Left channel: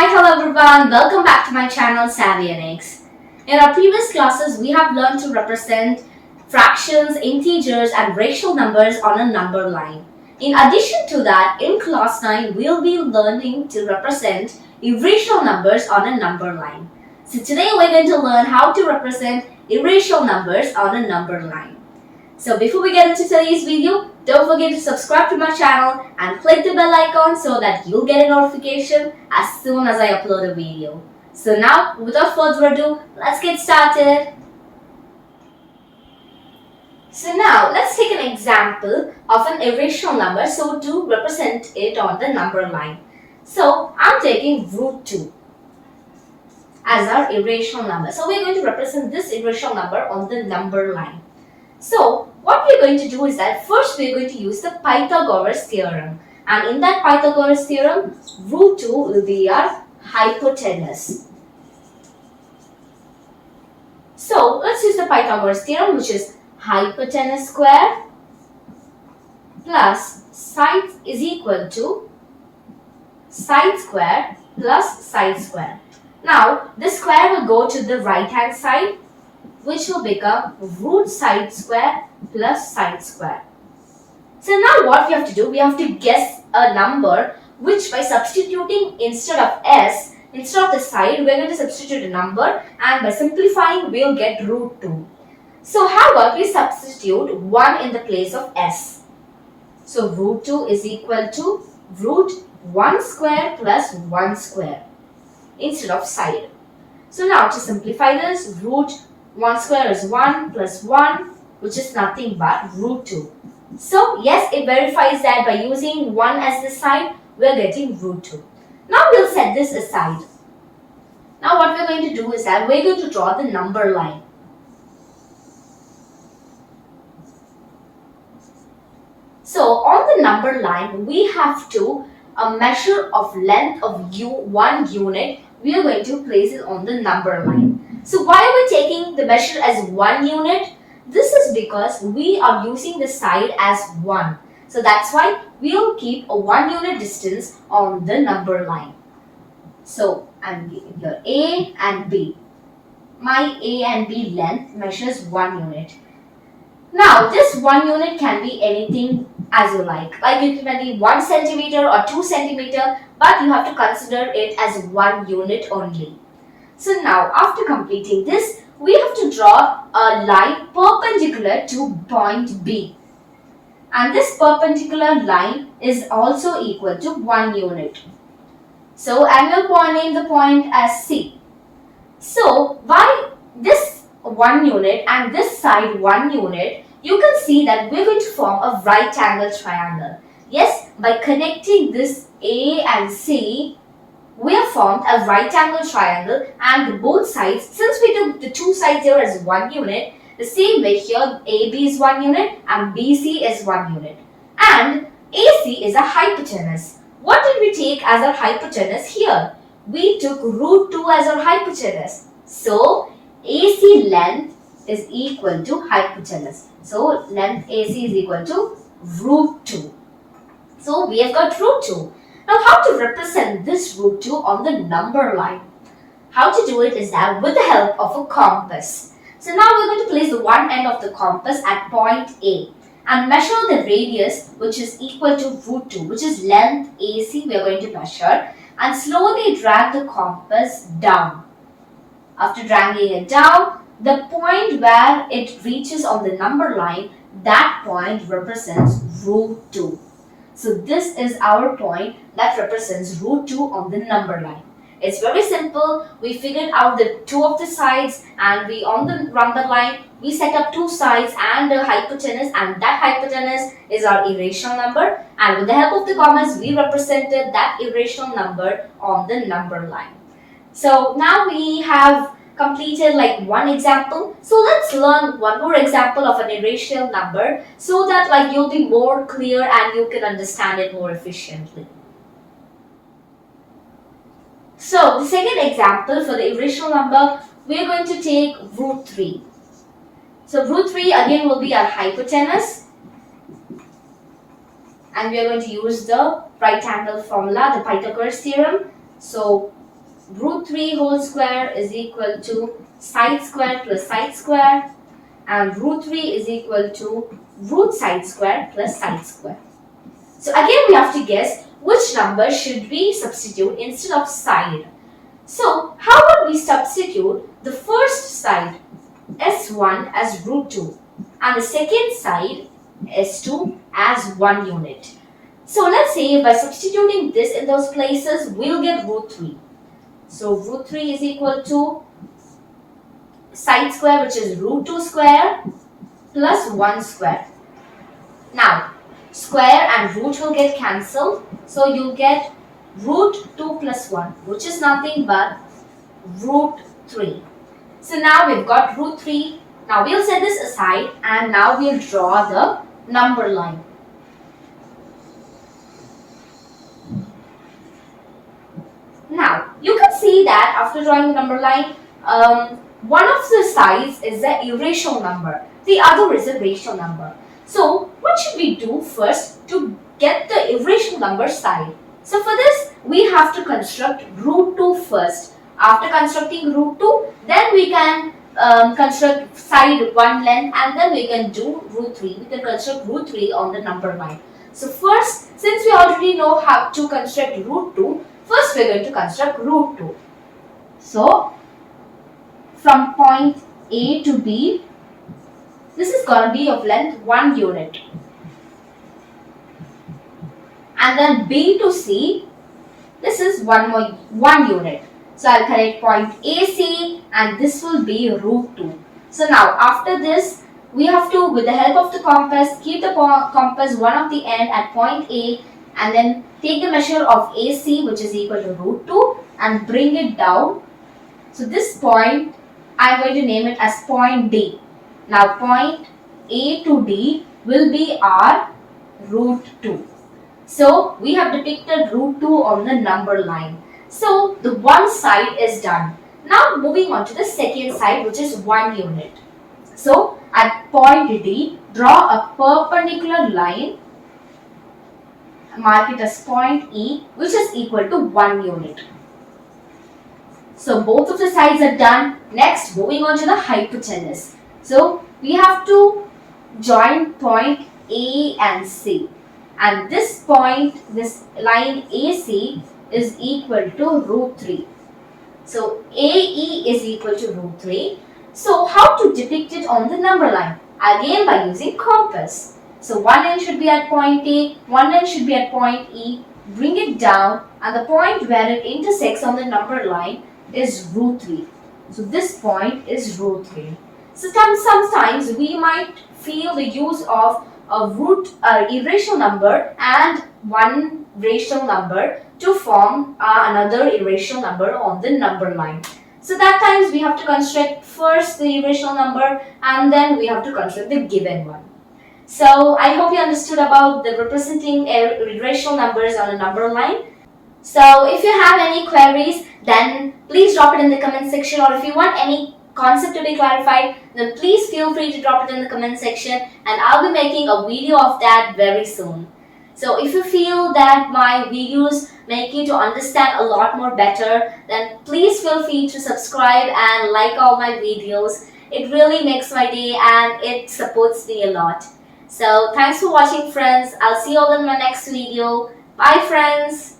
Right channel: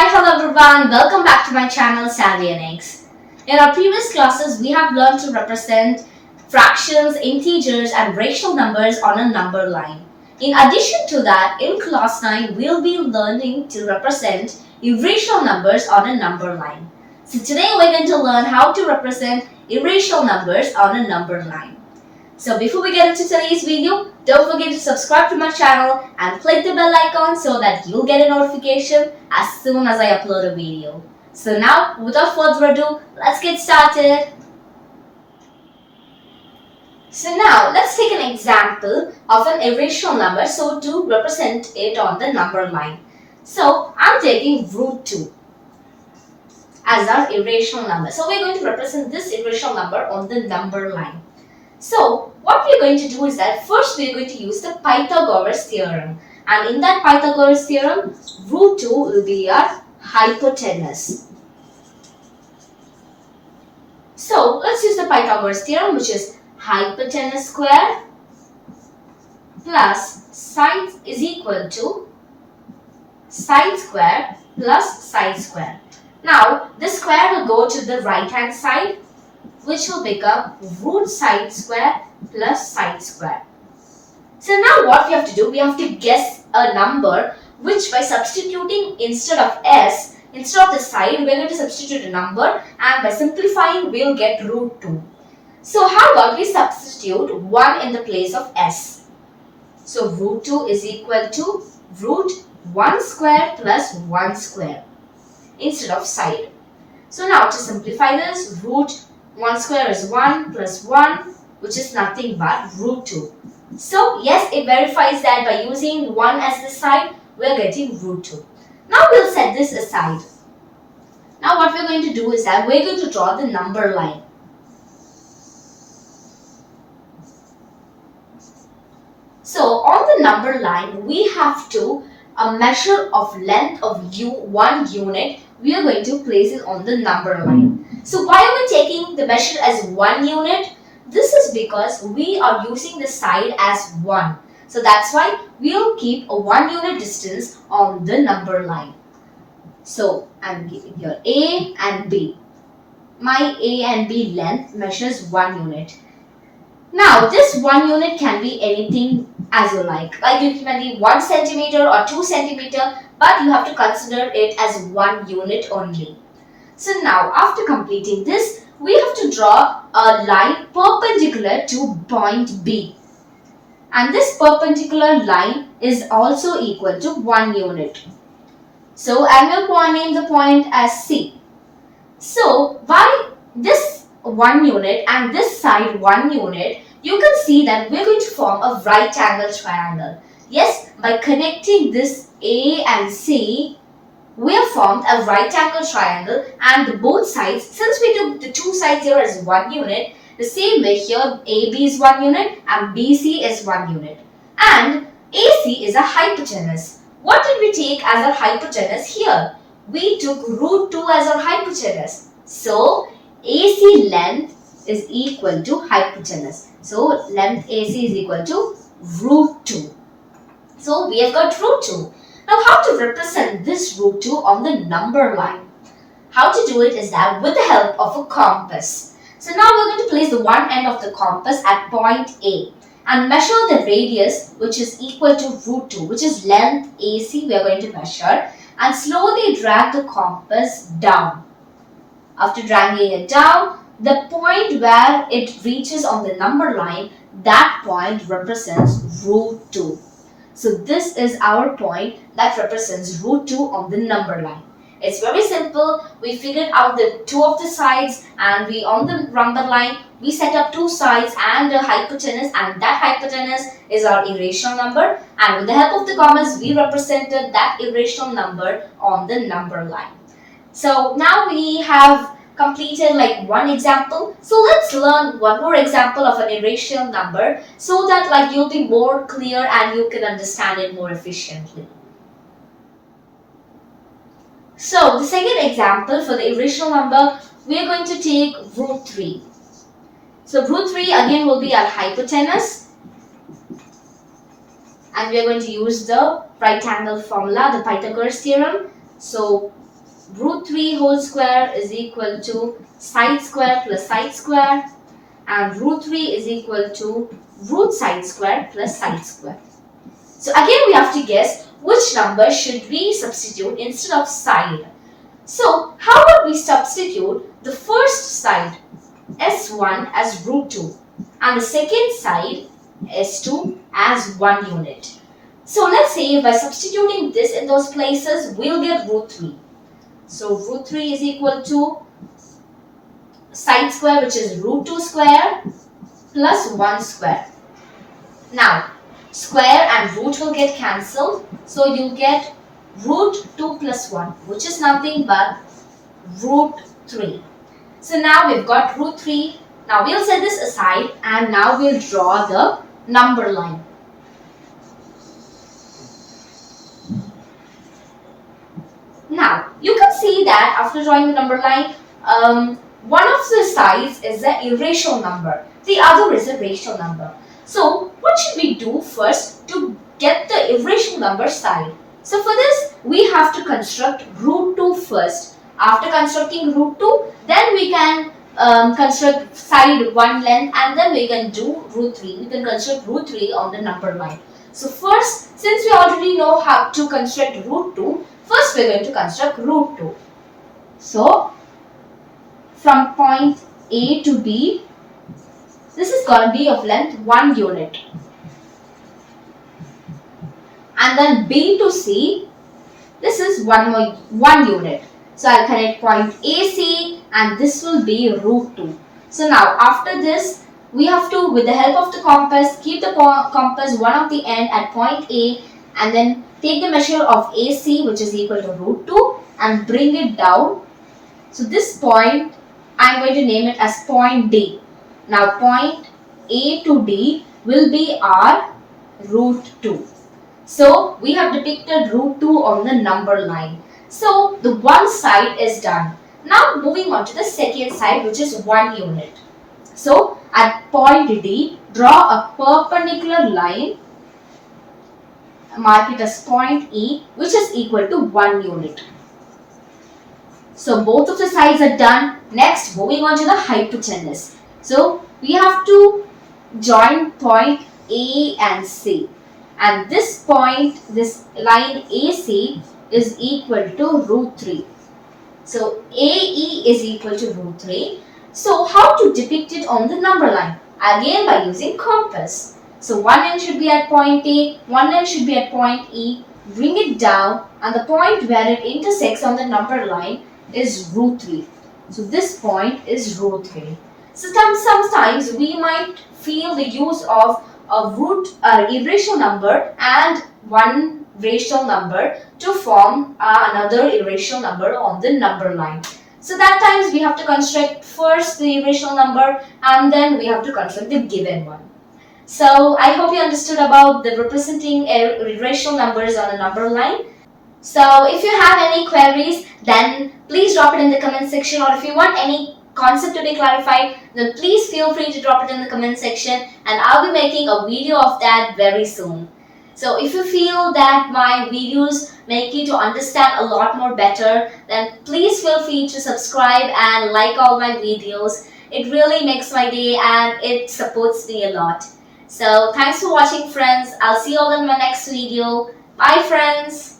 Hi, hello everyone. Welcome back to my channel Inikz. In our previous classes, we have learned to represent fractions, integers and rational numbers on a number line. In addition to that, in class 9, we'll be learning to represent irrational numbers on a number line. So today we're going to learn how to represent irrational numbers on a number line. So before we get into today's video, don't forget to subscribe to my channel and click the bell icon so that you'll get a notification as soon as I upload a video. So now, without further ado, let's get started. So now, let's take an example of an irrational number so to represent it on the number line. So, I'm taking root 2 as our irrational number. So, we're going to represent this irrational number on the number line. So, what we're going to do is that first we're going to use the Pythagoras theorem. And in that Pythagoras theorem, root 2 will be our hypotenuse. So, let's use the Pythagoras theorem, which is hypotenuse square plus side is equal to side square plus side square. Now, this square will go to the right hand side, which will become root side square plus side square. So now what we have to do, we have to guess a number which by substituting instead of s, instead of the side, we're going to substitute a number, and by simplifying we'll get root 2. So how about we substitute 1 in the place of s. So root 2 is equal to root 1 square plus 1 square instead of side. So now to simplify this, root 1 square is 1 plus 1, which is nothing but root 2. So yes, it verifies that by using 1 as the side, we are getting root 2. Now we'll set this aside. Now what we're going to do is that we're going to draw the number line. So on the number line, we have to measure of length of 1 unit. We are going to place it on the number line. So why are we taking the measure as 1 unit? This is because we are using the side as 1. So that's why we'll keep a 1 unit distance on the number line. So I'm giving here A and B. My A and B length measures 1 unit. Now this 1 unit can be anything as you like. Like it can be 1 centimeter or 2 centimeter, but you have to consider it as 1 unit only. So now after completing this, we have to draw a line perpendicular to point B. And this perpendicular line is also equal to 1 unit. So I will name the point as C. So by this 1 unit and this side 1 unit, you can see that we're going to form a right angle triangle. Yes, by connecting this A and C, we have formed a right angle triangle, and both sides, since we took the two sides here as 1 unit, the same way here AB is 1 unit and BC is 1 unit. And AC is a hypotenuse. What did we take as our hypotenuse here? We took root 2 as our hypotenuse. So AC length is equal to hypotenuse. So length AC is equal to root 2. So we have got root 2. Now how to represent this root 2 on the number line? How to do it is that with the help of a compass. So now we're going to place the one end of the compass at point A and measure the radius, which is equal to root 2, which is length AC we are going to measure, and slowly drag the compass down. After dragging it down, the point where it reaches on the number line, that point represents root 2. So this is our point that represents root 2 on the number line. It's very simple. We figured out the two of the sides, and we on the number line, we set up two sides and a hypotenuse, and that hypotenuse is our irrational number. And with the help of the compass, we represented that irrational number on the number line. So now we have completed like one example. So let's learn one more example of an irrational number so that like you'll be more clear and you can understand it more efficiently. So the second example for the irrational number, we are going to take root 3. So root 3 again will be our hypotenuse, and we are going to use the right angle formula, the Pythagoras theorem. So root 3 whole square is equal to side square plus side square, and root 3 is equal to root side square plus side square. So again we have to guess which number should we substitute instead of side. So how would we substitute the first side S1 as root 2 and the second side S2 as 1 unit? So let's say by substituting this in those places, we'll get root 3. So root 3 is equal to side square, which is root 2 square plus 1 square. Now square and root will get cancelled, so you'll get root 2 plus 1, which is nothing but root 3. So now we've got root 3. Now we'll set this aside and now we'll draw the number line. Now you can see that after drawing the number line, one of the sides is the irrational number, the other is a rational number. So what should we do first to get the irrational number side? So for this we have to construct root 2 first. After constructing root 2, then we can construct side 1 length, and then we can do root 3. We can construct root 3 on the number line. So first, since we already know how to construct root 2, first we are going to construct root 2. So from point A to B, this is going to be of length 1 unit. And then B to C, this is 1 unit. So I'll connect point AC and this will be root 2. So now after this, we have to, with the help of the compass, keep the compass one of the end at point A and then take the measure of AC, which is equal to root 2, and bring it down. So this point, I'm going to name it as point D. Now point A to D will be our root 2. So we have depicted root 2 on the number line. So the one side is done. Now moving on to the second side, which is 1 unit. So at point D, draw a perpendicular line, mark it as point E, which is equal to 1 unit. So both of the sides are done. Next, moving on to the hypotenuse. So we have to join point A and C. And this point, this line AC is equal to root 3. So AE is equal to root 3. So how to depict it on the number line? Again by using compass. So one end should be at point A, one end should be at point E. Bring it down and the point where it intersects on the number line is root 3. So this point is root 3. So sometimes we might feel the use of a irrational number and one rational number to form another irrational number on the number line. So that times we have to construct first the irrational number and then we have to construct the given one. So I hope you understood about the representing irrational numbers on a number line. So if you have any queries, then please drop it in the comment section, or if you want any concept to be clarified, then please feel free to drop it in the comment section and I'll be making a video of that very soon. So if you feel that my videos make you to understand a lot more better, then please feel free to subscribe and like all my videos. It really makes my day and it supports me a lot. So thanks for watching, friends. I'll see you all in my next video. Bye, friends.